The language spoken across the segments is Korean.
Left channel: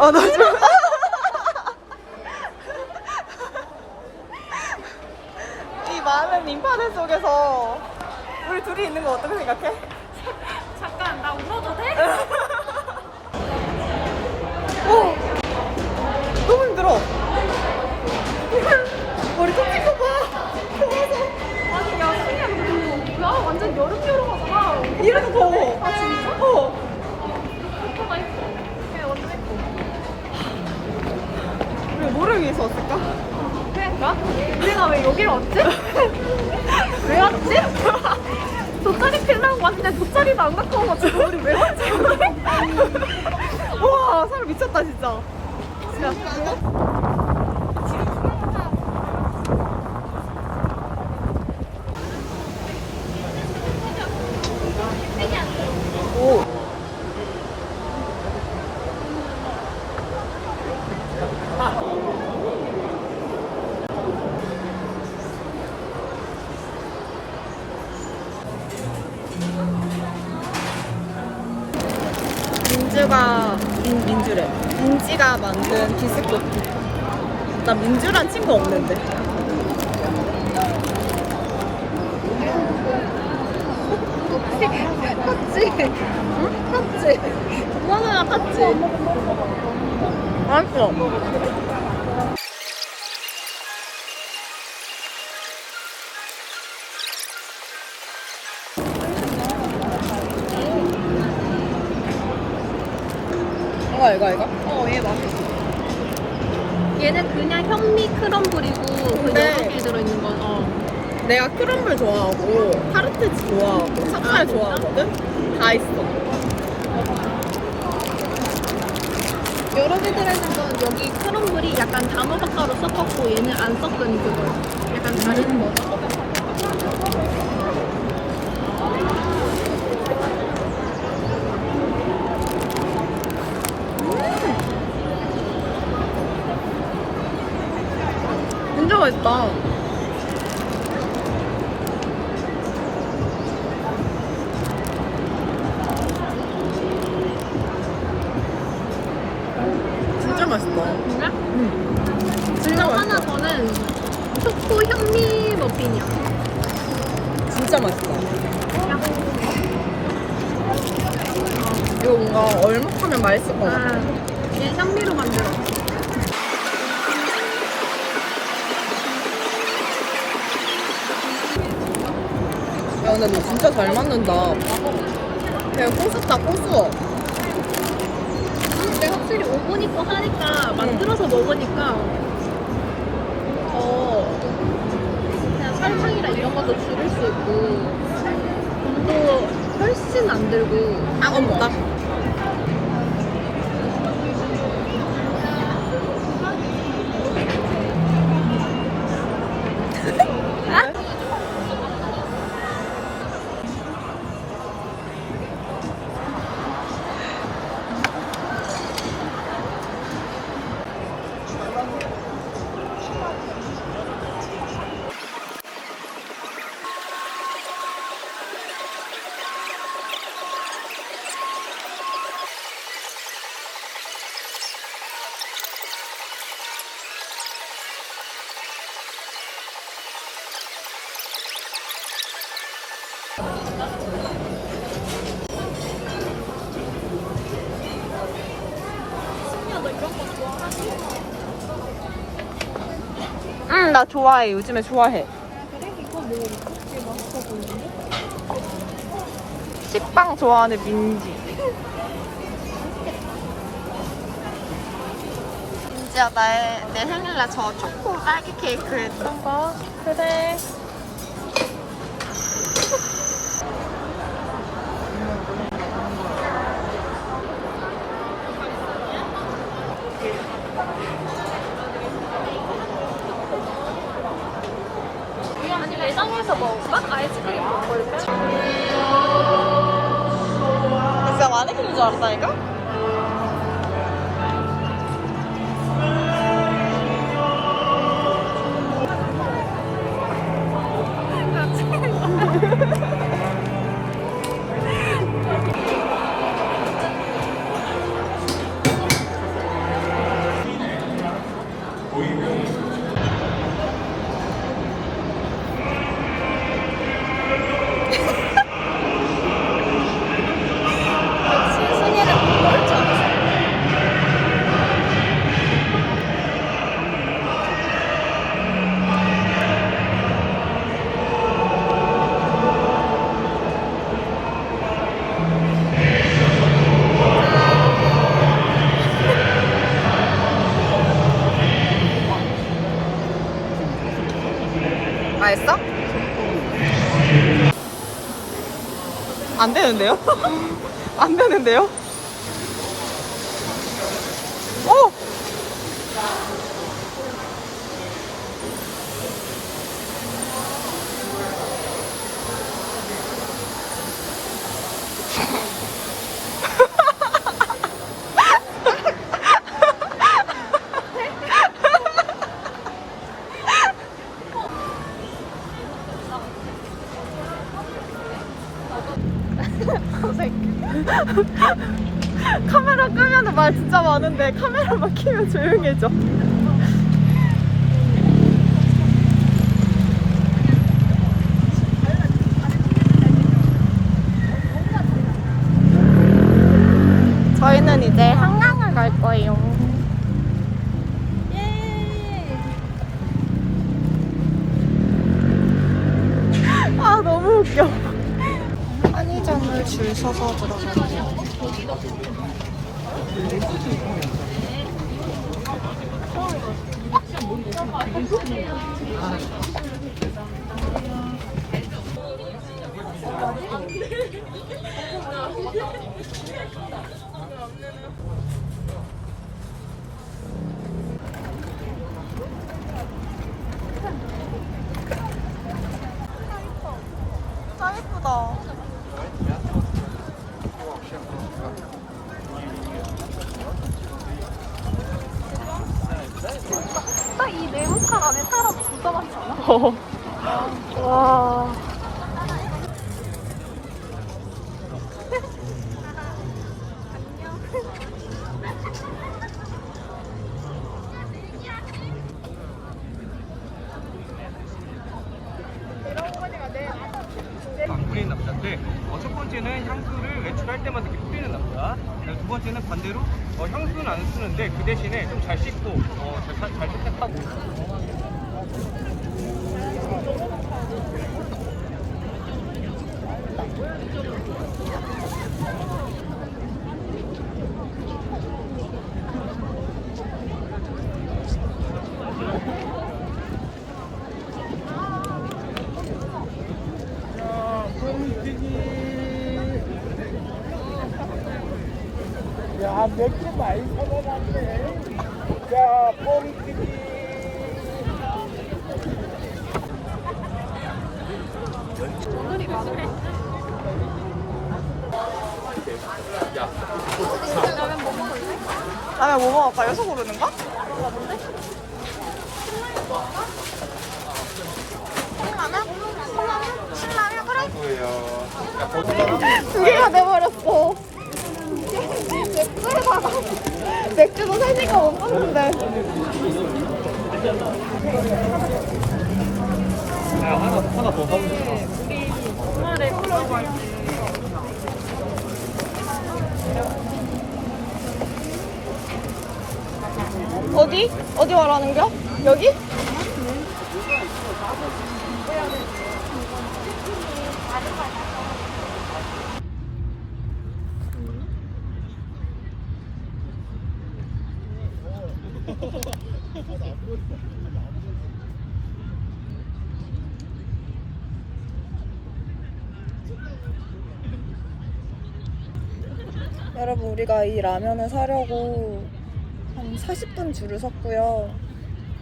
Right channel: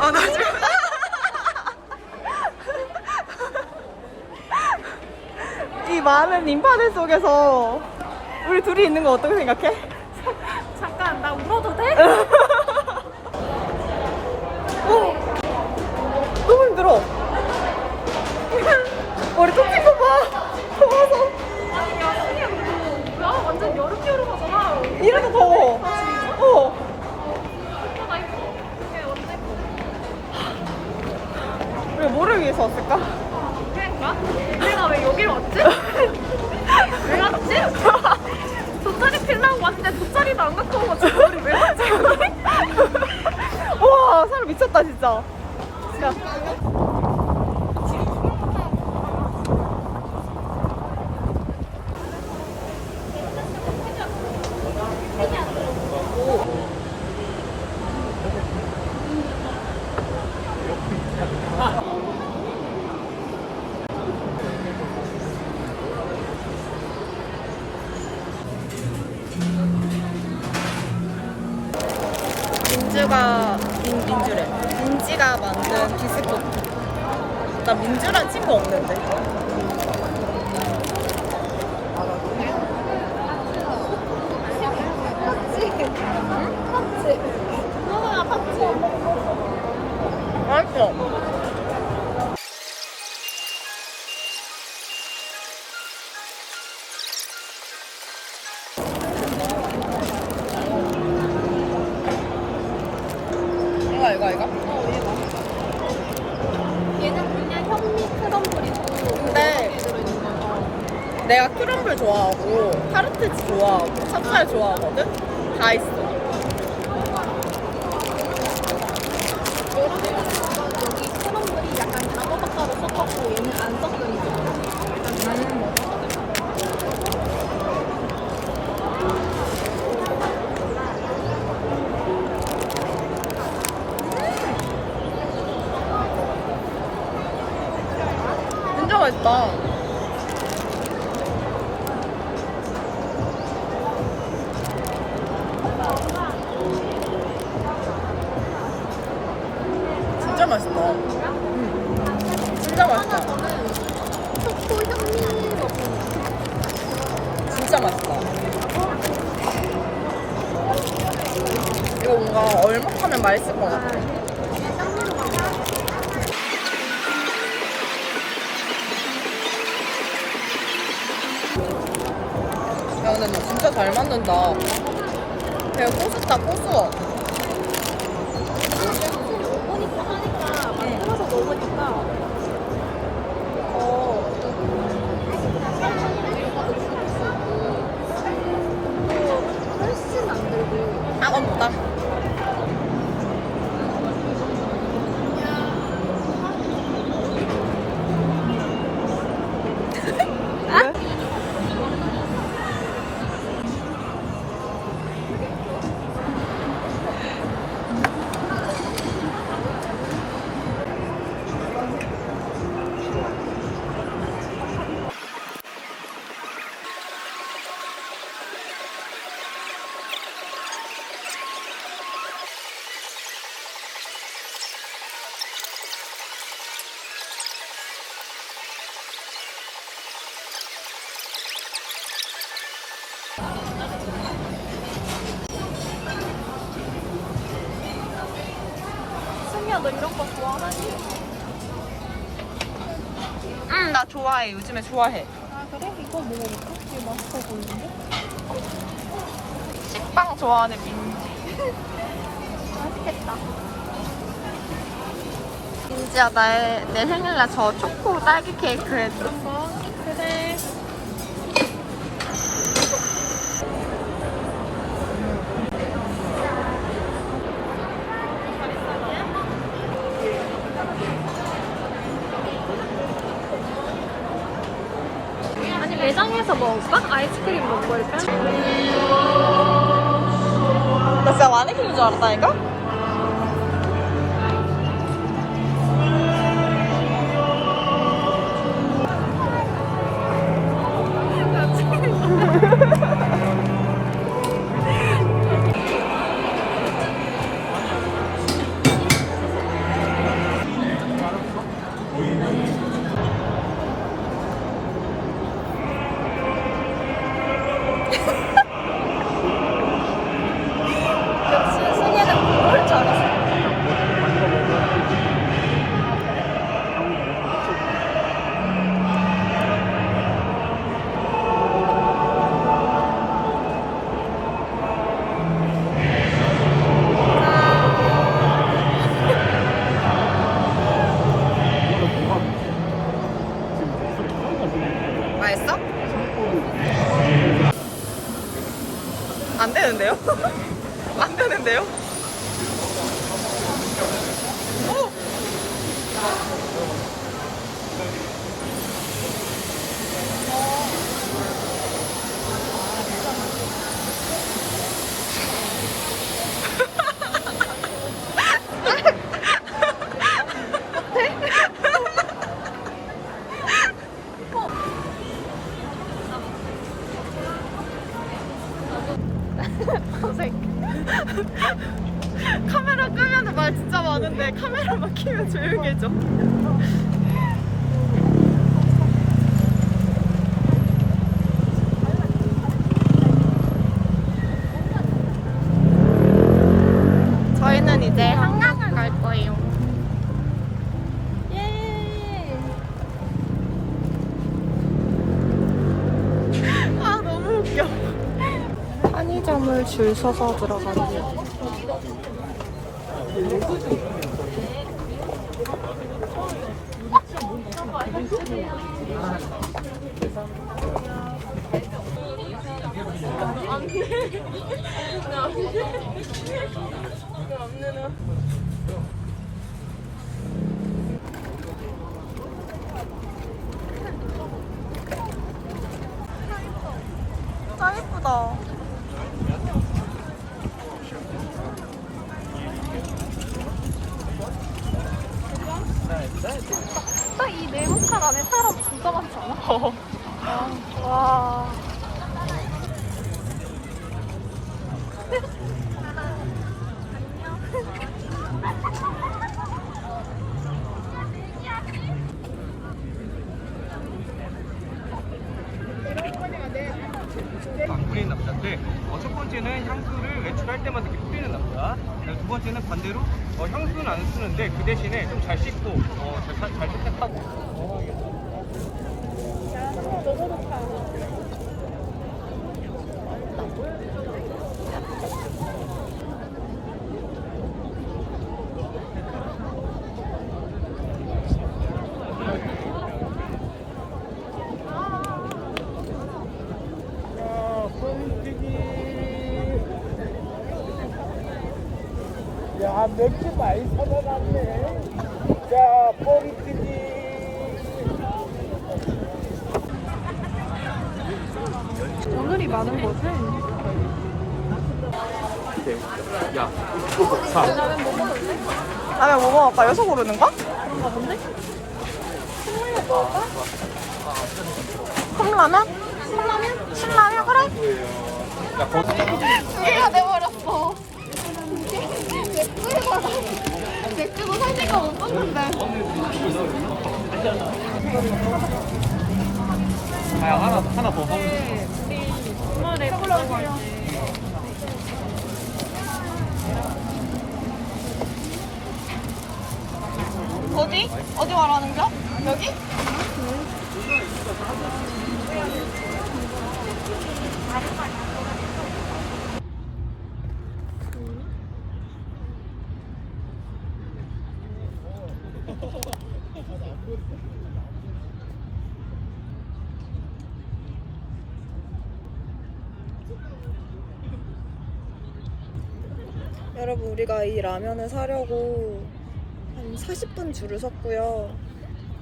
아, 나 지금. 이 많은 인파대 속에서 우리 둘이 있는 거 어떻게 생각해? 잠깐 나 울어도 돼? 돗자리도 안 갖고 와가지고 우리 왜 여기? 와, 사람 미쳤다, 진짜. 야 민주가, 민, 민주래. 민지가 만든 비스코트. 나 민주란 친구 없는데. 이거 이거 이거? 어 얘가 얘는 그냥 현미 크럼블이고 근데- 이렇게 들어있는 거잖아 내가 크럼블 좋아하고 타르트 좋아하고 찹쌀 좋아하거든? 다 있어. 여러 개들에서 여기 크럼블이 약간 단무젓가루 섞었고 얘는 안 섞으니까 약간 음. 진짜 맛있다. 진짜 맛있다. 응. 진짜 맛있다. 저는 초코 현미 머핀이야 진짜 맛있다. 이거 뭔가 얼먹하면 맛있을 것 같아. 야, 근데 너 진짜 잘 만든다. 그냥 꼬숩다, 꼬수어. 근데 확실히 하니까 만들어서 먹으니까 더 그냥 설탕이나 이런 것도 줄일 수 있고 또 훨씬 안 들고 아, 없다. 승미야 너 이런 거 좋아하지? 응, 나 좋아해. 요즘에 좋아해. 아 그래? 이거 먹을까? 되게 맛있어 보이는데? 식빵 좋아하는 민지. 맛있겠다 민지야, 나의, 내 생일날 저 초코 딸기 케이크 해줘. 이거 진짜 마네킹인 줄 알았다니까? 안 되는데요? 오! 카메라 끄면 말 진짜 많은데 카메라만 켜면 조용해져. 저희는 이제 한강을 갈 거예요. 아 너무 웃겨. 편의점을 줄 서서 들어가네요. 짱 예쁘다. 와. 안 뿌리는 남자인데 어, 첫 번째는 향수를 외출할 때만 이렇게 뿌리는 남자 두 번째는 반대로 어, 향수는 안 쓰는데 그 대신에 좀 잘 씻고 어, 잘, 잘 세탁하고. 야, 맥주 많이 사가놨네. 자, 뻥튀기. 라면 뭐 먹을까? 여기서 고르는 거? 컵라면? 컵라면? 신라면? 그래? 두 개가 돼버렸어. 맥주도 세 시간 못 먹는데. 아, 하나, 하나 더 사면 어디? 어디 말하는 거야? 여기? 여러분 우리가 이 라면을 사려고 한 40분 줄을 섰고요.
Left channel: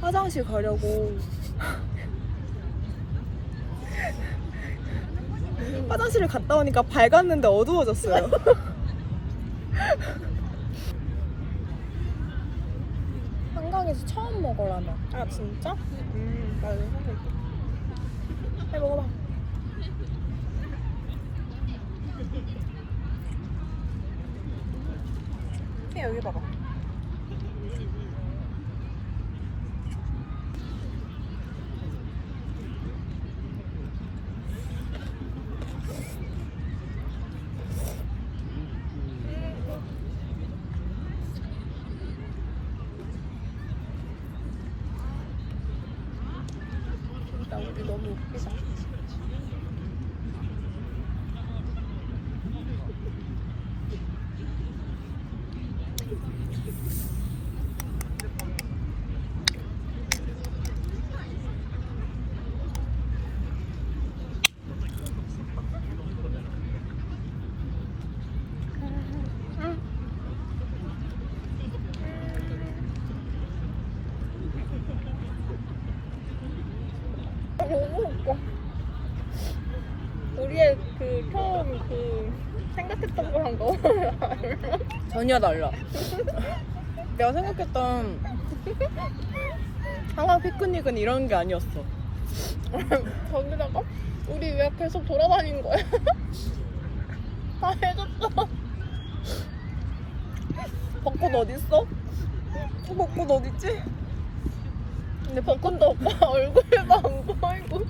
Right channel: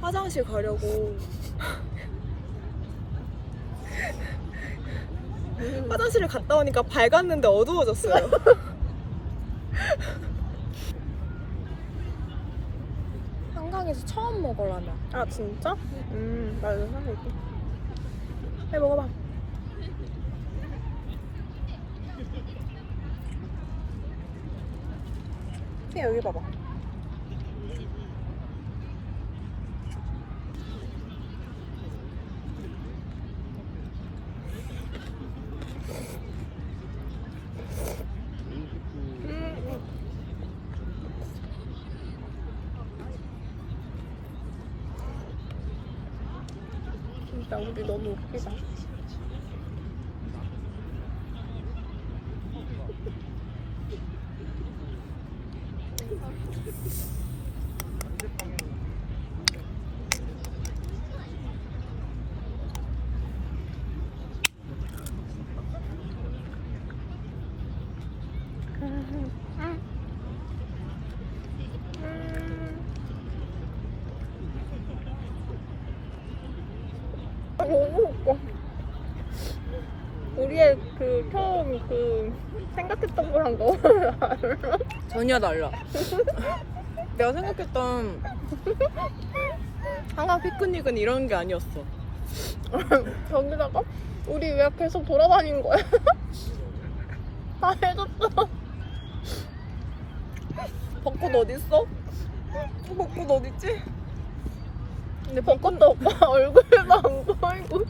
화장실 가려고 화장실을 갔다 오니까 밝았는데 어두워졌어요. 한강에서 처음 먹어 라면. 아 진짜? 음, 나 이거 사볼게. 해 먹어봐. 여기 봐봐. 우리 너무 웃기다. 너무 웃겨. 우리의 그 처음 그 생각했던 거랑 너무 달라. 전혀 달라. 내가 생각했던 한강 피크닉은 이런 게 아니었어. 저기다가 우리 왜 계속 돌아다닌 거야? 다 해줬어. 벚꽃 어딨어? 벚꽃 어딨지? 근데 벚꽃도 오빠 얼굴도 안 보이고